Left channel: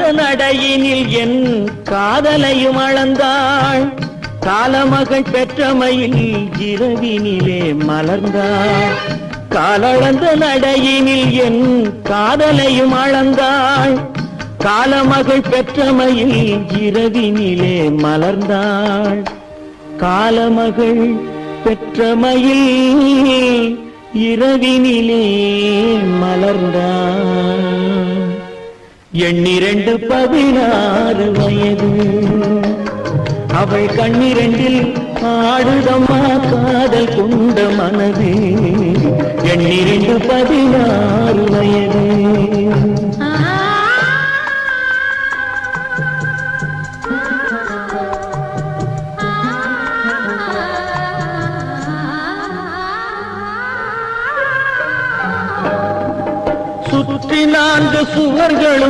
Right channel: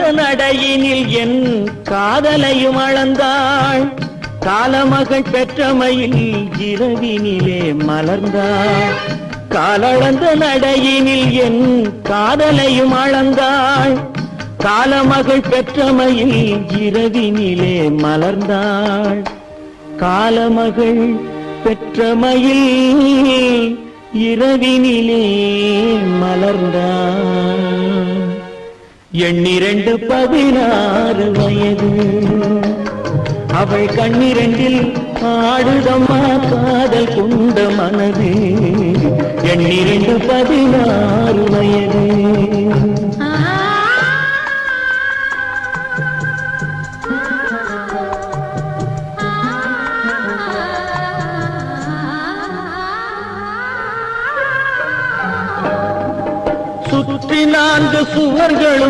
அளந்த நடையினில் என் காதலையும் அளந்தாள். காலமகள் பெற்றமையில் இரவினிலே மலர்ந்தாள். காலளந்த நடையினில் என் காதலையும் அளந்தாள். காலமகள் பெற்றமையில் இரவினிலே மலர்ந்தாள். காலமகள் பெற்றமையில் இரவினிலே மலர்ந்தாள். 16 வயது அவள் கண்ணிரண்டில் ஆடுதம்மா காதல் கொண்ட மனது. 16 வயது. சுற்றி 4 சுவர்களும்